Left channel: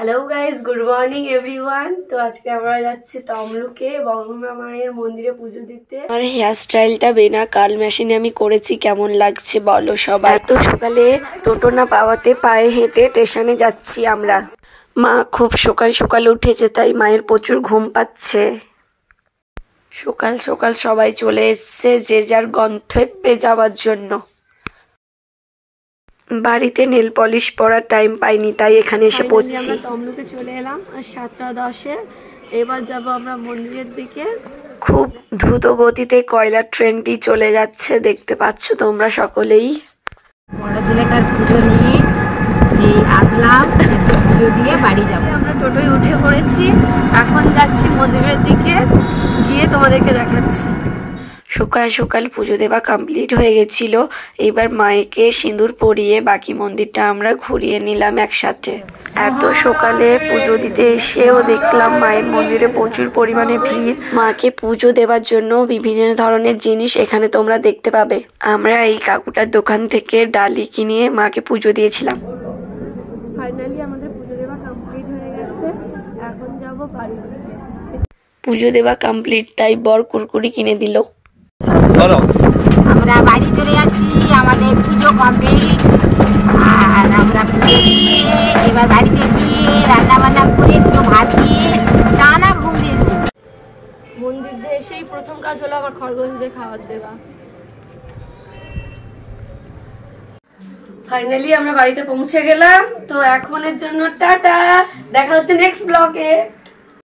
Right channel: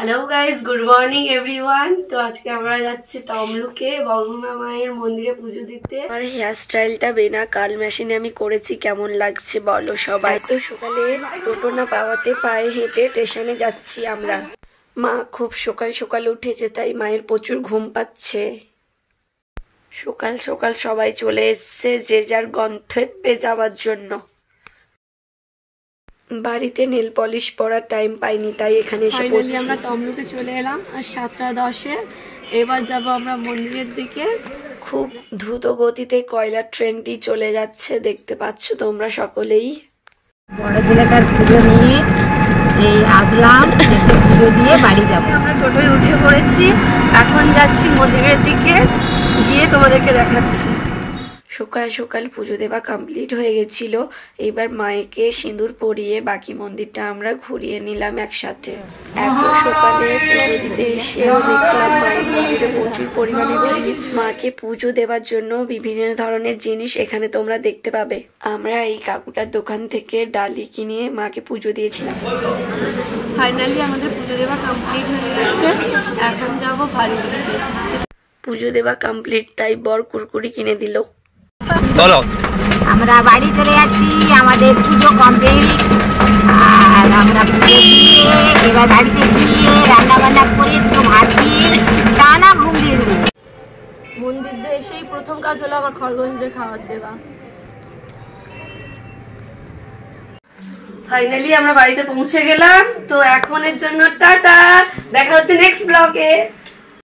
Hello guys, good morning everyone. তো আজকে আমরা যাচ্ছি তমলুকে বর্গমা মায়ের মন্দিরে পুজো দিতে। আমার হেয়ার স্টাইলটা বিনা কাল মেশিনে আমি করেছি, কেমন লাগছে বলো সবাই। তো সকালে টোটো না পাওয়াতে পায়ে হেঁটে স্টেশনে যাচ্ছি আমরা। মা খুব সকাল সকাল উঠেছে, তাই মায়ের প্রচুর ঘুম পাচ্ছে। সকাল সকাল সবাই চলে এসছে যে যার গন্তব্যে যাওয়ার জন্য। বাড়িতে নেল পলিশ পরার টাইম পাইনি, তাই এখানে এসে পড়ছি। আমরা তমলুকে চলে এলাম আর 7:10-এ। এবার যাব আমরা মন্দিরের দিকে। খুব দ্রুত গতিতে কয়লার ট্রেনটি চলে যাচ্ছে, দেখতে পাচ্ছ তোমরা সকলেই। বড় ছেলেটার পুজো নিয়ে এই আসলাম, এসে পুজো দিয়ে বাড়ি যাব। আমরা টোটোয় উঠে পড়েছি, এখন যাচ্ছি মন্দিরের দিকে, গিয়ে তোমাদেরকে দেখাচ্ছি। সকাল সকাল পুজো দেওয়া কমপ্লিট হয়ে গেছিল। এবার মায়েকে সিঁদুর পরিয়ে বাকি মন্দিরটা আমরা ঘুরিয়ে নিলাম একসাথে। এত সকালে পুজো দিতে এসেও দেখলাম মায়ের মন্দিরে প্রচুর পরিমাণে ভিড়। মাকে পুজো দেওয়ার জন্য বিভিন্ন ধরনের জিনিস এখানে তোমরা দেখতে পাবে। আমরা এই কাকুটার দোকান থেকে ডালি কিনে মাকে পুজো দিয়েছিলাম। ফাইনালি আমাদের পুজো দেওয়া কমপ্লিট হয়ে গেছে, এখন যাবো বাড়ি। পুজো দেওয়া কমপ্লিট, তাই বর কুরকুরি কিনে দিল। আমরা বাড়ি চলে যাচ্ছি, আমাদের পুজো কমপ্লিট। আর আমরা পুজো দিয়ে এবার বাড়িতে গিয়ে রান্না বান্না করে দুটো ভাত দিয়ে টানা ঘুম দিয়ে দেবো। মন্দির দিয়ে এসেই প্রথম কাজ হলো আমার খরগোশদের খাবার দেওয়া। ফাইনালি আমরা বাড়িতে পৌঁছে গেলাম। তো এখনের জন্য টাটা, দেখা হচ্ছে নেক্সট ব্লগে।